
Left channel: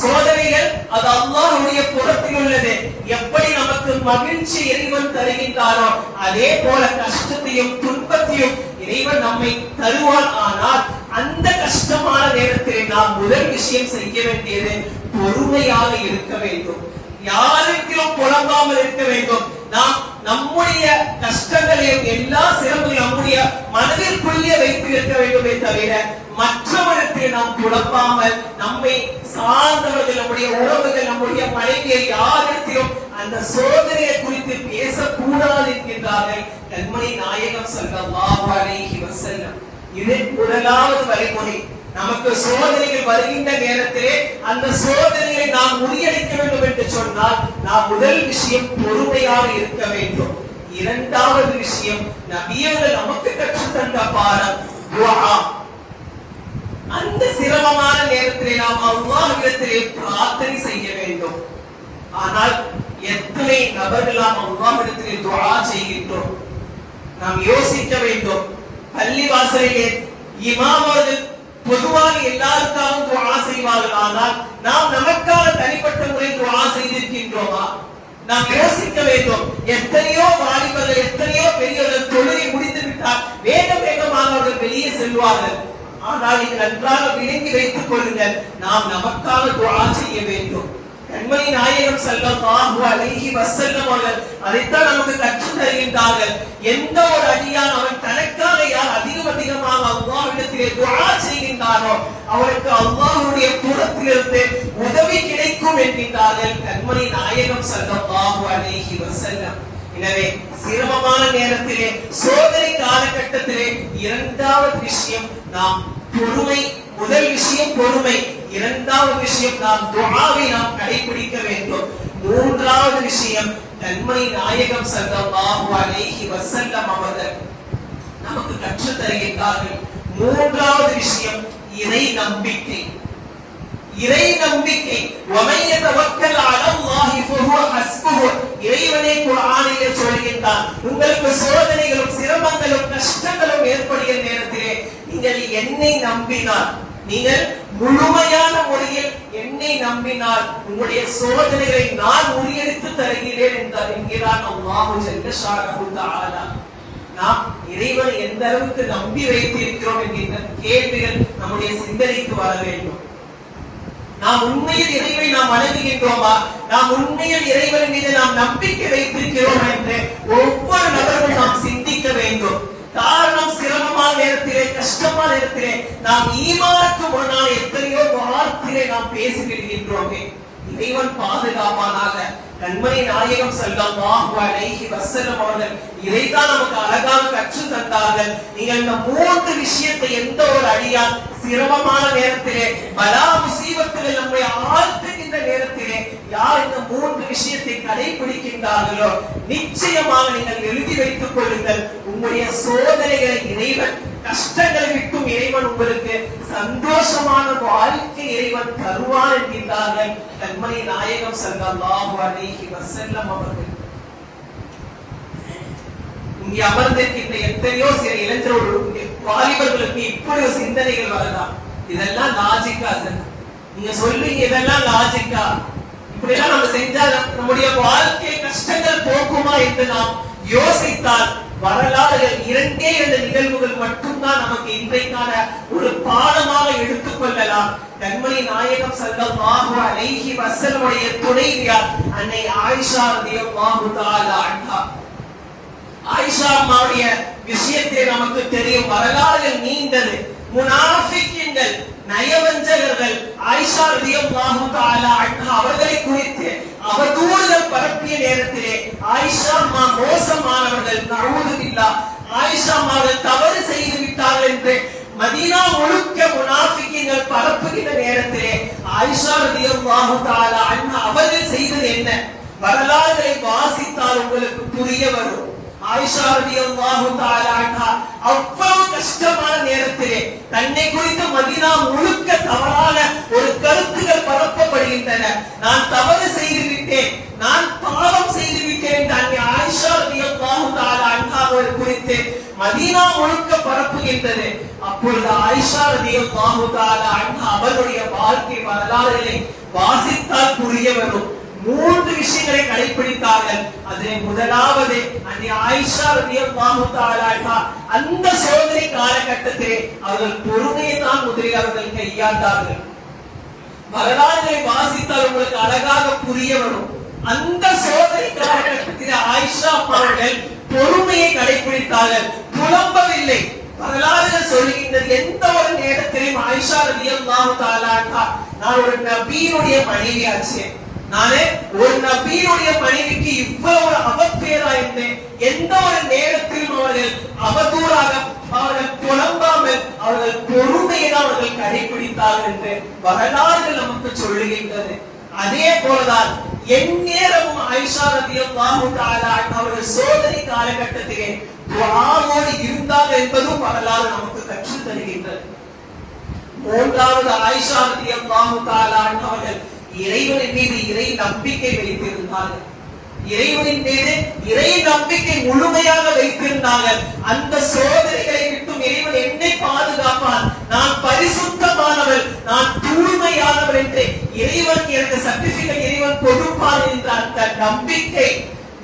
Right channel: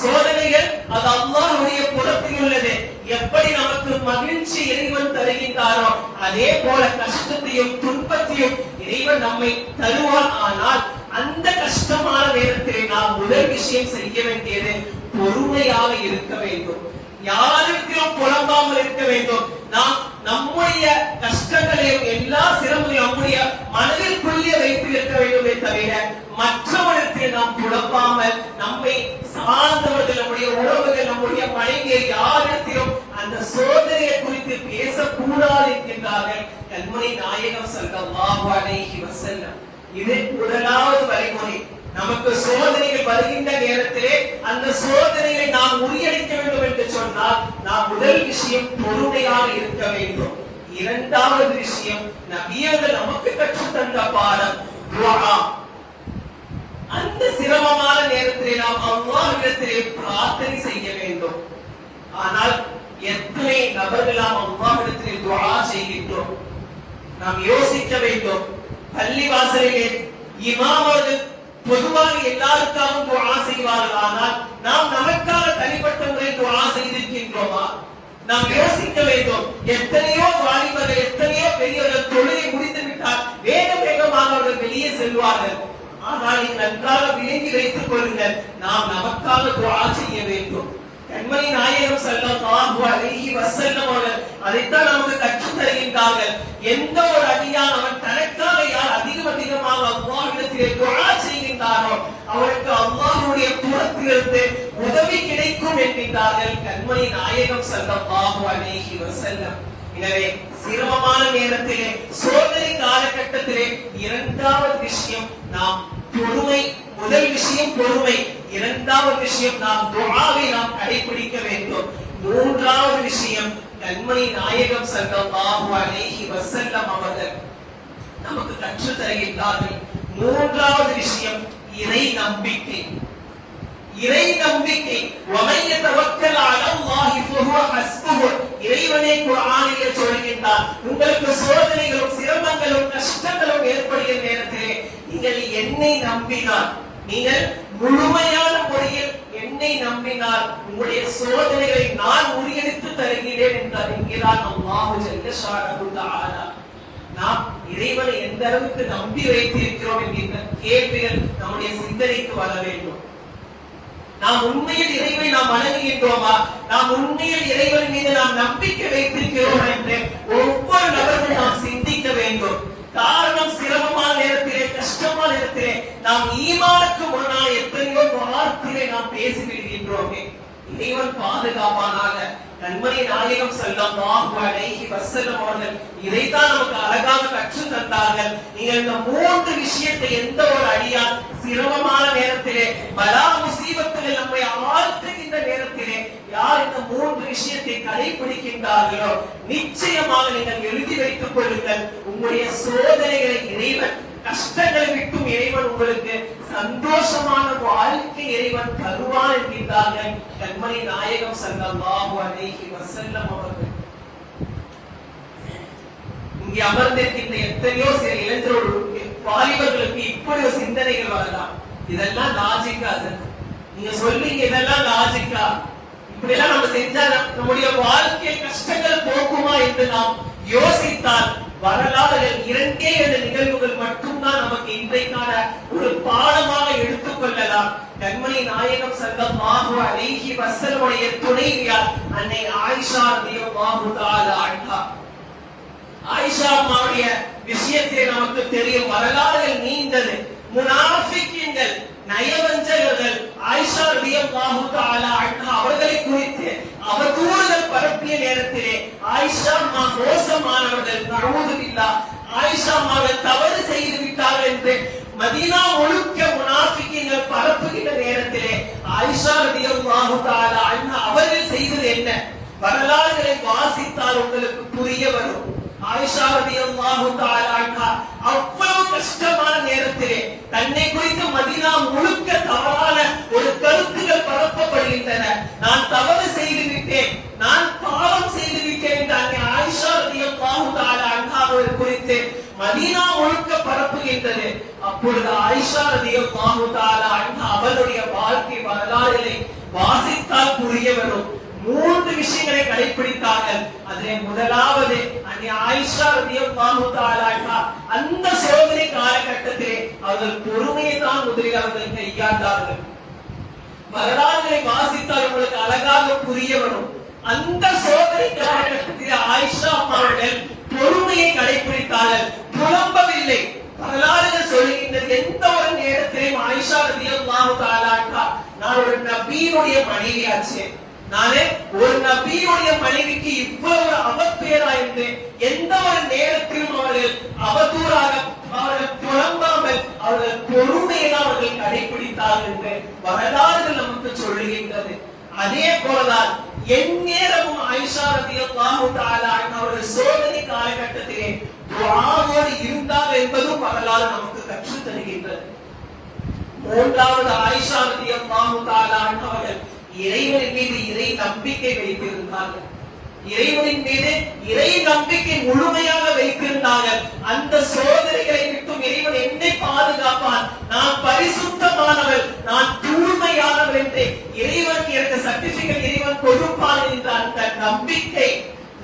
சோதனைகள் அது அல்லாஹ்வுடைய புறத்தில் உள்ளது. எப்படி நமக்கு மகிழ்ச்சி இறைவன் தருகின்றாரோ அதே போல கஷ்டத்தையும் துன்பத்தையும் இறைவன் நம்மை தருவான். ஆனால் அந்த கஷ்டமான நேரத்தில் நாம் முதல் விஷயம் செய்ய வேண்டியது பொறுமையாக இருக்க வேண்டும். யாருக்கும் புலம்பாமல் இருக்க வேண்டும். நாம் நம்முடைய கஷ்டங்களையும் எல்லா சிரமங்களையும் நம்முடைய மனதிற்குள்ளே வைத்து இருக்க வேண்டுமே தவிர மற்றவர்களுக்கு நாம் புலம்பாமல், நம்மை சார்ந்தவர்கள், நம்முடைய உறவுகள், நம்முடைய மனைவியை யாரிடத்திலும் அந்த சோதனையை குறித்து பேசக்கூடாது என்கின்றார்கள் கண்மணி நாயகம் ஸல்லல்லாஹு அலைஹி வஸல்லம். இது முதலாவது வழிமுறை. நமக்கு சோதனைகள் வருகின்ற நேரத்திலே அந்த சோதனைகளை நாம் முறியடிக்க வேண்டும் என்று சொன்னால் நாம் முதல் விஷயம் பொறுமையாக இருக்க வேண்டும். இரண்டாவது விஷயம், நபியர்கள் நமக்கு கற்றுத் தந்த பாடம் துஆ. அந்த சிரமமான நேரத்திலே நாம் அல்லாஹ்விடத்திலே பிரார்த்தனை செய்ய வேண்டும். ஆனால் எத்தனை நபர்கள் நாம் அல்லாஹ்விடத்திலே துஆ செய்கின்றோம்? நாம் யோசிக்க வேண்டும். பள்ளிவாசலிலே இமாம் அவர்கள் பொதுவாக எல்லாருக்காகவும் துஆ செய்வார்கள். ஆனால் நாம் நமக்காக தனிப்பட்ட முறையில் துஆ செய்திருக்கின்றோமா? நாம் யோசிக்க வேண்டும். எத்தனையோ வாலிபர்கள், எத்தனையோ பெரியவர்கள் தொழுகை முடித்து விட்டால் வேகமாக அவர்கள் வெளியே செல்வார்கள். ஆனால் நன்றாக விளங்கி வைத்துக் கொள்ளுங்கள், நாம் நமக்காக துஆ செய்ய வேண்டும். கண்மணி நாயகம் ஸல்லல்லாஹு அலைஹி வஸல்லம் அவர்கள் அதைத்தான் நமக்கு கற்றுத் தருகின்றார்கள். எந்த ஒரு அடியான் அவன் தனக்காக யார் அதிகமாக அல்லாஹ்விடத்திலே துஆ செய்கின்றானோ அவனுக்கு அல்லாஹ்வுடைய புறத்திலிருந்து உதவி கிடைக்கும் என்கின்றார்கள் கண்மணி நாயகம் ஸல்லல்லாஹு அலைஹி வஸல்லம். எனவே சிரமமான நேரத்திலே, சோதனை காலகட்டத்திலே இரண்டாவது விஷயம் நாம் பொறுமை. முதல் விஷயம் பொறுமை, இரண்டாவது விஷயம் நாம் துஆவை நாம் கடைபிடிக்க வேண்டும். மூன்றாவது விஷயம் கண்மணி நாயகம் ஸல்லல்லாஹு அலைஹி வஸல்லம் அவர்கள் நமக்கு கற்றுத் தருகின்றார்கள். மூன்றாவது விஷயம் இறை நம்பிக்கை. இறை நம்பிக்கை. வமன் யதவக்கல் அலல்லாஹி ஃபஹுவ ஹஸ்புஹு. இறைவனே குர்ஆனிலே சொல்கின்றான், உங்களுக்கு சோதனைகளும் சிரமங்களும் கஷ்டங்களும் ஏற்படுகிற நேரத்திலே நீங்கள் என்னை நம்பினால், நீங்கள் முழுமையான முறையில் என்னை நம்பினால் உங்களுடைய சோதனைகளை நான் முறியடித்து தருகிறேன் என்கிறான் அல்லாஹ் ஜல்ல ஷானஹு தஆலா. நாம் இறைவனை எந்த அளவுக்கு நம்பி வைத்திருக்கிறோம் என்கின்ற கேள்விகள் நம்முடைய சிந்தனைக்கு வர வேண்டும். நாம் உண்மையில் இறைவனை நாம் வணங்குகின்றோமா? நாம் உண்மையில் இறைவன் மீது நாம் நம்பிக்கை வைத்திருக்கிறோம் என்று ஒவ்வொரு நபரும் நாம் சிந்திக்க வேண்டும். காரணம், சிரமமான நேரத்திலே, கஷ்டமான நேரத்திலே நாம் ஈமானுக்கு முன்னால் எத்தனையோ வார்த்தைகளை நாம் பேசிவிடுகின்றோமே. இறைவன் பாதுகாப்பானாக. கண்மணி நாயகம் ஸல்லல்லாஹு அலைஹி வஸல்லம் அவர்கள் இதைத்தான் நமக்கு அழகாக கற்றுத் தந்தார்கள். நீங்கள் இந்த மூன்று விஷயத்தை எந்த ஒரு அடியான் சிரமமான நேரத்திலே, பலா முசீபத்துகள் நம்மை ஆழ்த்துகின்ற நேரத்திலே யார் இந்த மூன்று விஷயத்தை கடைபிடிக்கின்றார்களோ நிச்சயமாக நீங்கள் எழுதி வைத்துக் கொள்ளுங்கள், உங்களுடைய சோதனைகளை இறைவன், கஷ்டங்களை விட்டும் இறைவன் உங்களுக்கு சந்தோஷமான வாழ்க்கை இறைவன் தருவான் என்கின்றார்கள் கண்மணி நாயகம் ஸல்லல்லாஹு அலைஹி வஸல்லம் அவர்கள். இங்கே அமர்ந்திருக்கின்ற எத்தனையோ சில இளைஞர்களுக்கு, வாலிபர்களுக்கு இப்படி ஒரு சிந்தனைகள் வரலாம். இதெல்லாம் லாஜிக்கா சார்? நீங்க சொல்றீங்க இதெல்லாம் லாஜிக்கா? இப்படி எல்லாம் நம்ம செஞ்சா நம்முடைய வாழ்க்கை கஷ்டங்கள் போக்குமா என்று நாம் யோசித்தால் வரலாறுகள் 2 நிகழ்வுகள் மட்டும்தான் நமக்கு இன்றைக்கான ஒரு பாடமாக எடுத்துக் கொள்ளலாம். கண்மணி நாயகம் ஸல்லல்லாஹு அலைஹி வஸல்லம் உடைய துணைவியார் அன்னை ஆயிஷா ரலியல்லாஹு தஆலா அன்ஹா. ஆயிஷா அம்மாவுடைய விஷயத்தை நமக்கு தெரியும். வரலாறுகள் நீண்டது. முனாஃபிகீன்கள், நயவஞ்சகர்கள் ஆயிஷா ரலியல்லாஹு தஆலா அன்ஹா அவர்களை குறித்து அவதூறுகள் பரப்பிய நேரத்திலே ஆயிஷா அம்மா மோசமானவர்கள், நஊது பில்லாஹ், ஆயிஷா அம்மாவை தவறு செய்து விட்டார்கள் என்று மதீனா முழுக்க முனாஃபிகீன்கள் பரப்புகின்ற நேரத்திலே ஆயிஷா ரலியல்லாஹு தஆலா அன்ஹா அவர்கள் செய்தது என்ன? வரலாறுகளை வாசித்தால் உங்களுக்கு புரிய வரும். ஆயிஷா ரலியல்லாஹு தஆலா அன்ஹா அவ்வளவு கஷ்டமான நேரத்திலே தன்னை குறித்து மதீனா முழுக்க தவறான ஒரு கருத்துகள் பரப்பப்படுகின்றன. நான் தவறு செய்து விட்டேன், நான் பாவம் செய்து விட்டேன் என்று அன்னை ஆயிஷா ரலியல்லாஹு தஆலா அன்ஹா அவர்கள் குறித்து மதீனா முழுக்க பரப்புகின்றது. அப்பொழுது ஆயிஷா ரலியல்லாஹு தஆலா அன்ஹா அவர்களுடைய வாழ்க்கை வரலாறுகளை வாசித்தால் புரிய வரும். 3 விஷயங்களை கடைபிடித்தார்கள். அதிலே முதலாவது அன்னை ஆயிஷா ரலியல்லாஹு தஆலா அன்ஹா அந்த சோதனை காலகட்டத்திலே அவர்கள் பொறுமையை தான் முதலில் அவர்கள் கையாண்டார்கள். வரலாறுகளை வாசித்தால் உங்களுக்கு அழகாக புரிய வரும். அந்த சோதனை காலகட்டத்திலே ஆயிஷா அவர்கள் பொறுமையை கடைபிடித்தார்கள், புலம்பவில்லை. வரலாறுகள் சொல்கின்றது, எந்த ஒரு நேரத்திலும் ஆயிஷா ரலியல்லாஹு தஆலா அன்ஹா நான் ஒரு நபியினுடைய மனைவியாச்சு, நானே ஒரு நபியுடைய மனைவிக்கு இவ்வளவு ஒரு அவப்பேரா என்று எந்த ஒரு நேரத்திலும் அவர்கள் அவதூறாக, அவர்கள் புலம்பாமல் அவர்கள் பொறுமையை அவர்கள் கடைபிடித்தார்கள் என்று வரலாறுகள் நமக்கு சொல்லுகின்றது. அதே போலதான் எந்நேரமும் ஆயிஷா ரலியல்லாஹு தஆலா அன்ஹா அவர்கள் சோதனை காலகட்டத்திலே துஆவோடு இருந்தார்கள் என்பதும் வரலாறு நமக்கு கற்றுத் தருகின்றது. மூன்றாவது, ஆயிஷா ரலியல்லாஹு தஆலா அன்ஹா அவர்கள் இறைவனின் மீது இறை நம்பிக்கை வைத்திருந்தார்கள். இறைவனின் மீது இறை நம்பிக்கை முழுமையாக வைத்திருந்தார்கள். அந்த சோதனைகளை விட்டும் இறைவன் என்னை பாதுகாப்பான், நான் பரிசுத்தமானவள், நான் தூய்மையானவள் என்று இறைவனுக்கு எனக்கு சர்டிபிகேட் இறைவன் கொடுப்பான் என்ற அந்த நம்பிக்கை,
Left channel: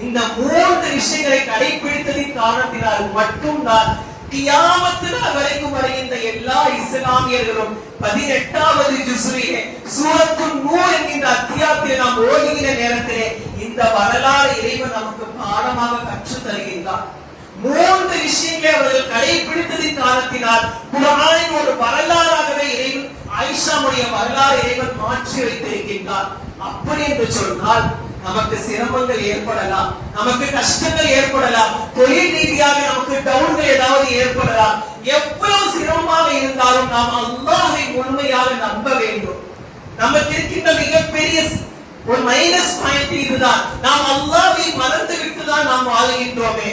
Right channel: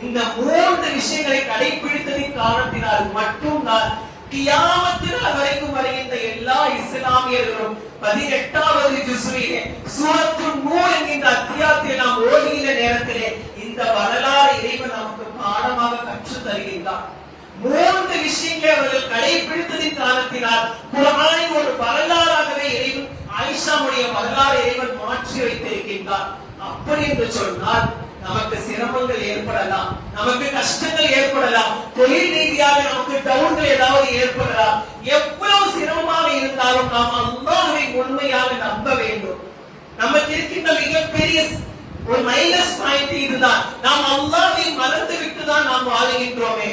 இந்த 3 விஷயங்களை கடைபிடித்ததின் காரணத்தினால் மட்டும்தான் கியாமத் நாள் வரைக்கும் வருகின்ற எல்லா இஸ்லாமியர்களும் 18வது ஜுஸ்விலே சூரத்துன் நூர் என்கின்ற இந்த அத்தியாயத்தை நாம் ஓதுகிற நேரத்திலே இந்த வரலாறு இறைவன் நமக்கு பாடமாக கற்றுத் தருகின்றார். 3 விஷயங்களை அவர்கள் கடைபிடித்ததின் காரணத்தினால் குர்ஆனின் ஒரு வரலாறாகவே இறைவன் ஆயிஷாவுடைய வரலாறு இறைவன் மாற்றி வைத்திருக்கின்றார். அப்படி என்று சொன்னால் நமக்கு சிரமங்கள் ஏற்படலாம், நமக்கு கஷ்டங்கள் ஏற்படலாம், தொழில் ரீதியாக நமக்கு டவுன்கள் ஏதாவது ஏற்படலாம். எவ்வளவு சிரமமாக இருந்தாலும் நாம் அல்லாஹ்வை முழுமையாக நம்ப வேண்டும். நமக்கு இருக்கின்ற மிகப்பெரிய ஒரு மைனஸ் பாயிண்ட் இதுதான். நாம் அல்லாஹ்வை மறந்து விட்டுதான் நாம் வாழுகின்றோமே.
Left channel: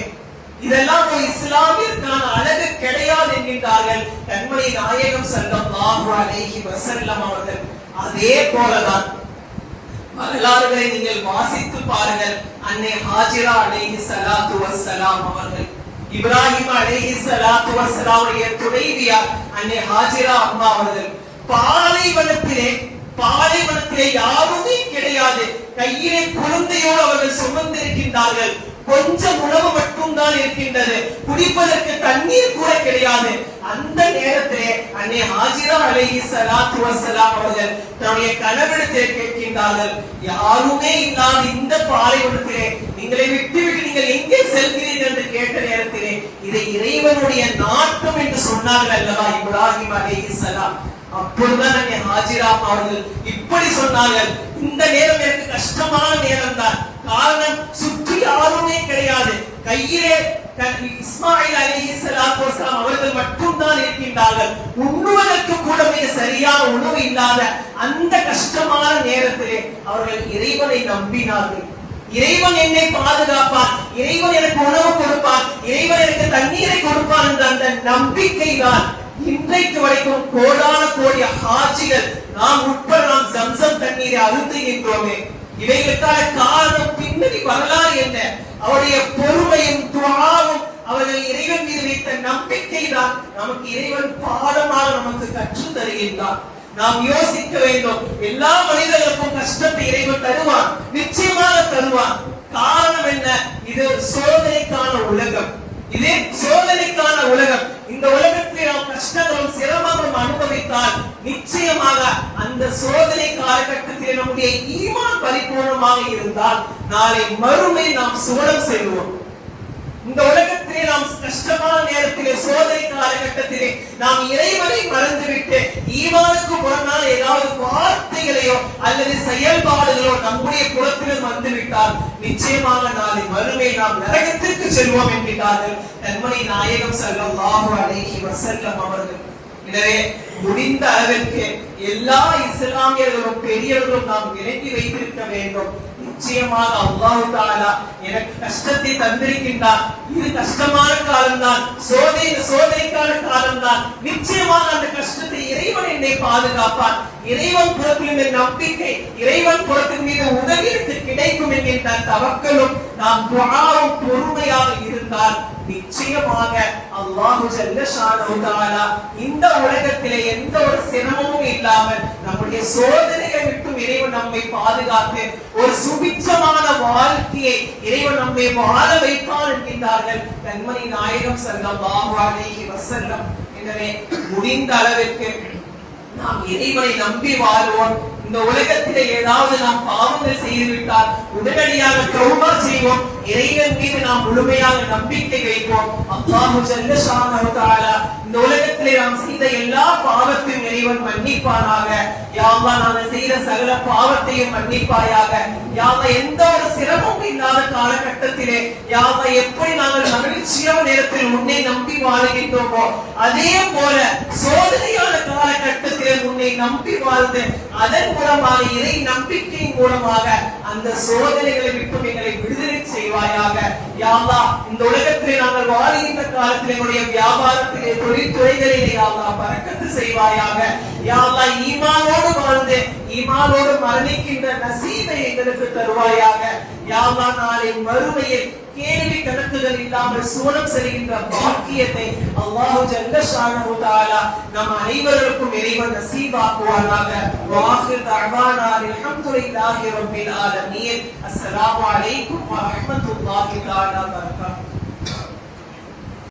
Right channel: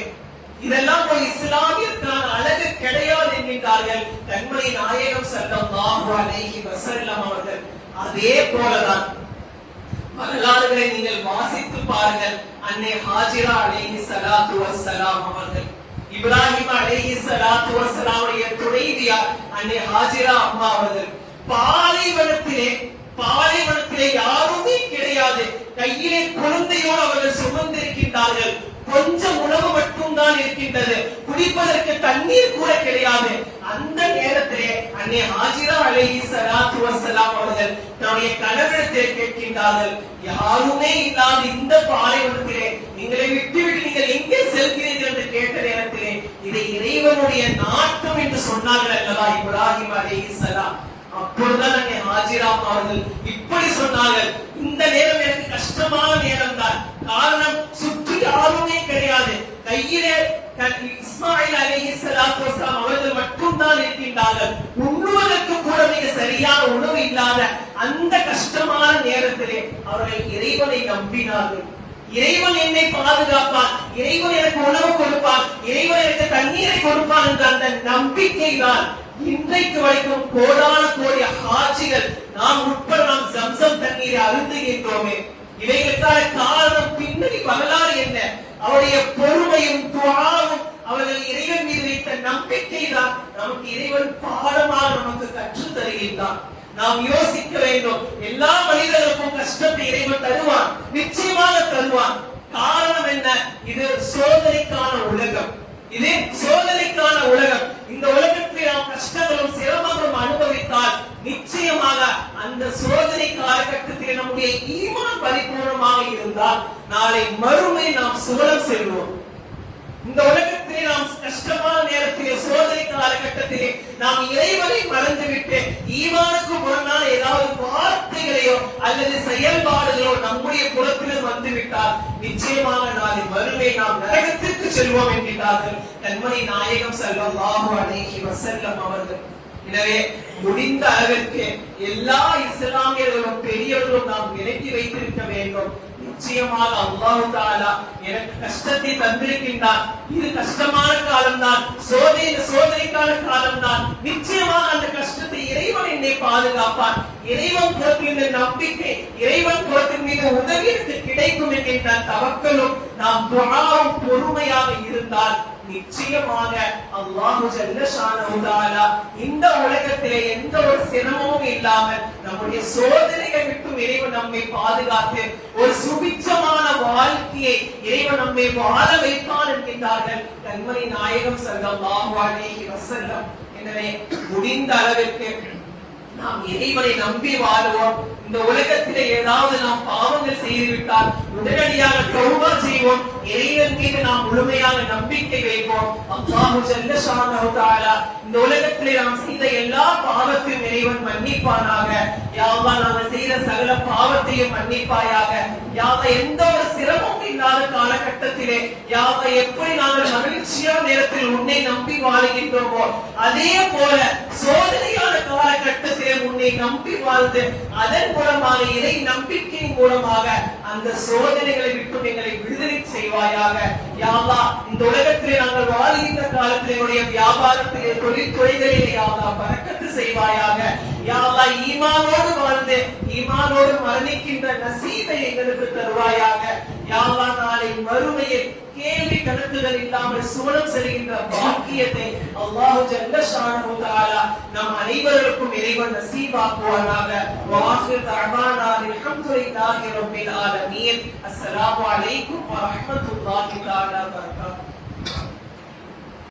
இதெல்லாம் ஒரு இஸ்லாமியர்கான அழகு கிடையாது என்கின்றார்கள் கண்மணி நாயகம் ஸல்லல்லாஹு அலைஹி வஸல்லம் அவர்கள். அதே போலதான் வரலாறுகளை நீங்கள் வாசித்து பாருங்கள். அன்னை ஹாஜிரா அலைஹி ஸலாத்து வஸ்ஸலாம் அவர்கள், இப்ராஹிம் அலைஹி ஸலாத்து வஸ்ஸலாமுடைய துணைவியார் அன்னை ஹாஜிரா அம்மா அவர்கள் பாலைவனத்திலே யாருமே கிடையாது. கையிலே குழந்தையோடு அவர்கள் சுமந்திருக்கின்றார்கள். கொஞ்சம் உணவு மட்டும் தான் இருக்கின்றது, குடிப்பதற்கு தண்ணீர் கூட கிடையாது. அந்த நேரத்திலே அன்னை ஹாஜிரா அலைஹி ஸலாத்து வஸ்ஸலாம் அவர்கள் தன்னுடைய கணவனிடத்திலே கேட்கின்றார்கள், யாருமே இல்லாத இந்த பாலைவனத்திலே நீங்களை விட்டுவிட்டு நீங்கள் எங்கே செல்கிறீர்கள் என்று கேட்ட நேரத்திலே இதை இறைவனுடைய நாட்டம் என்று சொன்னார்கள் அல்லவா இப்ராஹிம் அலைஹி ஸலாம். அப்பொழுதுதான் அன்னை ஹாஜிரா அவர்கள் இப்படி சொன்னார்கள், இந்த நேரம் எனக்கு கஷ்டமான நேரம் தான். காரணம், சுற்றி யாருமே கிடையாது. கையிலே இஸ்மாயில் அலைஹிஸ்ஸலாத்து வஸ்ஸலாம் அவர்கள் மட்டும் தான் இருக்கின்றார்கள். உண்ணுவதற்கு கூட மிக சரியான உணவு இல்லாத அந்த கஷ்டமான நேரத்திலே அவர்கள் இறைவனை நம்பினார்கள். இறைவன் என்னை பாதுகாப்பான், இறைவன் எனக்கு உணவு கொடுப்பான், இறைவன் எனக்கு தண்ணீரை கொடுப்பான் என்ற அந்த நம்பிக்கை தான் இன்றைக்கு வரைக்கும் கோடான கோடி ஹாஜிகள் நாம் உட்பட நாம் ஜம்சம் தண்ணீரை அருந்துகின்றோமே. இவைகளுக்கான காரணம், பின்னணி வரலாறு என்ன? அவருடைய பொறுமையும் துஆவும் அவர்கள் இறைவன் மீது வைத்த நம்பிக்கை தான் நமக்கு இறைவன் பாடமாக நமக்கு கற்றுத் தருகின்றார். நாம் யோசிக்க வேண்டும். எல்லா மனிதர்களுக்கும் கஷ்டத்தை இறைவன் தருவான், நிச்சயமாக தருவான். காரணம் என்ன? இது சோதனைக்கான உலகம், இது சோதனைக்கான உலகம். இந்த உலகத்தில் நாம் கஷ்டங்களும் சிரமங்களும் அனுபவித்தால் நிச்சயமாக அந்த சோதனை காலகட்டத்தில் நம்முடைய ஈமான் பரிபூர்ணமாக இருந்தால் நாளை மறுமை நாம் சுவனம் செல்வோம். இந்த உலகத்திலே நாம் கஷ்டமான நேரத்திலே சோதனை காலகட்டத்திலே நாம் இறைவனை மறந்துவிட்டு ஈமானுக்கு முரணான ஏதாவது வார்த்தைகளையோ அல்லது செயல்பாடுகளோ நம்முடைய புறத்திலும் வந்துவிட்டால் நிச்சயமாக நாளை மறுமை நாம் நரகத்திற்கு செல்வோம் என்கிறார்கள் கண்மணி நாயகம் ஸல்லல்லாஹு அலைஹி வஸல்லம் அவர்கள். எனவே முடிந்த அளவிற்கு எல்லா இஸ்லாமியர்களும் பெரியவர்களும் நாம் விலக்கி வைத்திருக்க வேண்டும். நிச்சயமாக அல்லாஹ் தஆலா எனக்கு கஷ்டத்தை தந்திருக்கின்றான், இது கஷ்டமான காலம்தான், சோதனைக்கான காலம்தான். நிச்சயமாக அந்த கஷ்டத்தை இறைவன் என்னை பாதுகாப்பான், இறைவன் புறத்தின் நம்பிக்கை, இறைவன் புறத்தின் மீது உதவி எனக்கு கிடைக்கும் என்கின்ற தவக்கலும் நாம் துஆவும் பொறுமையாக இருந்தால் நிச்சயமாக அல்லாஹ் ஜல்ல ஷானஹு தஆலா இந்த உலகத்திலே எந்த ஒரு சிரமமும் இல்லாமல் நம்முடைய சோதனைகளை விட்டு இறைவன் நம்மை பாதுகாத்து ஒரு சுபிட்சமான வாழ்க்கையை இறைவன் நம்மை வாழ வைப்பான் என்கின்றார்கள் கண்மணி நாயகம் ஸல்லல்லாஹு அலைஹி வஸல்லம். எனவே முடிந்த அளவிற்கு நாம் இறைவனை நம்பி வாழ்வோம். இந்த உலகத்திலே ஏதாவது நாம் பாவங்கள் செய்துவிட்டால் உடனடியாக தௌபா செய்வோம், இறைவன் மீது நாம் முழுமையாக நம்பிக்கை வைப்போம். அல்லாஹ் ஜல்ல ஷானஹு தஆலா இந்த உலகத்திலே நாம் செய்த எல்லா பாவத்தையும் இறைவன் மன்னிப்பானாக. யா அல்லாஹ் நாம் செய்த சகல பாவத்தையும் மன்னிப்பாயாக. யா அல்லாஹ் எந்த ஒரு சிரமமும் இல்லாத காலகட்டத்திலே யா அல்லாஹ் எப்படி நாங்கள் மகிழ்ச்சியான நேரத்தில் உன்னை நம்பி வாழுகின்றோமோ அதே போல சோதனையான காலகட்டத்திலே உன்னை நம்பி வாழ்ந்து அதன் மூலமாக இறை நம்பிக்கையின் மூலமாக அந்த சோதனைகளை விட்டு எங்களை விடுதலை செய்வாயாக. யா அல்லாஹ் இந்த உலகத்திலே நாங்கள் வாழ்கின்ற காலத்திலே எங்களுடைய வியாபாரத்திலே தொழில்துறைகளிலே யா அல்லாஹ் பரக்கத்து செய்வாயாக. யா அல்லாஹ் ஈமானோடு வாழ்ந்து ஈமானோடு மரணிக்கின்ற நசீபை எங்களுக்கு தருவாயாக. யா அல்லாஹ் நாளை மறுமையில் கேள்வி கணக்குகள் இல்லாமல் சுவனம் செல்கின்ற பாக்கியத்தை அல்லாஹ் ஜல்ல ஷானஹு தஆலா நம் அனைவருக்கும் இறைவன் நசீபாக்குவானாக. வாஹிர் தஅவானா அல்ஹம்துலில்லாஹி ரப்பில் ஆலமீன். அஸ்ஸலாமு அலைக்கும் வ ரஹ்மத்துல்லாஹி தஆலா வ பரகாத்துஹு.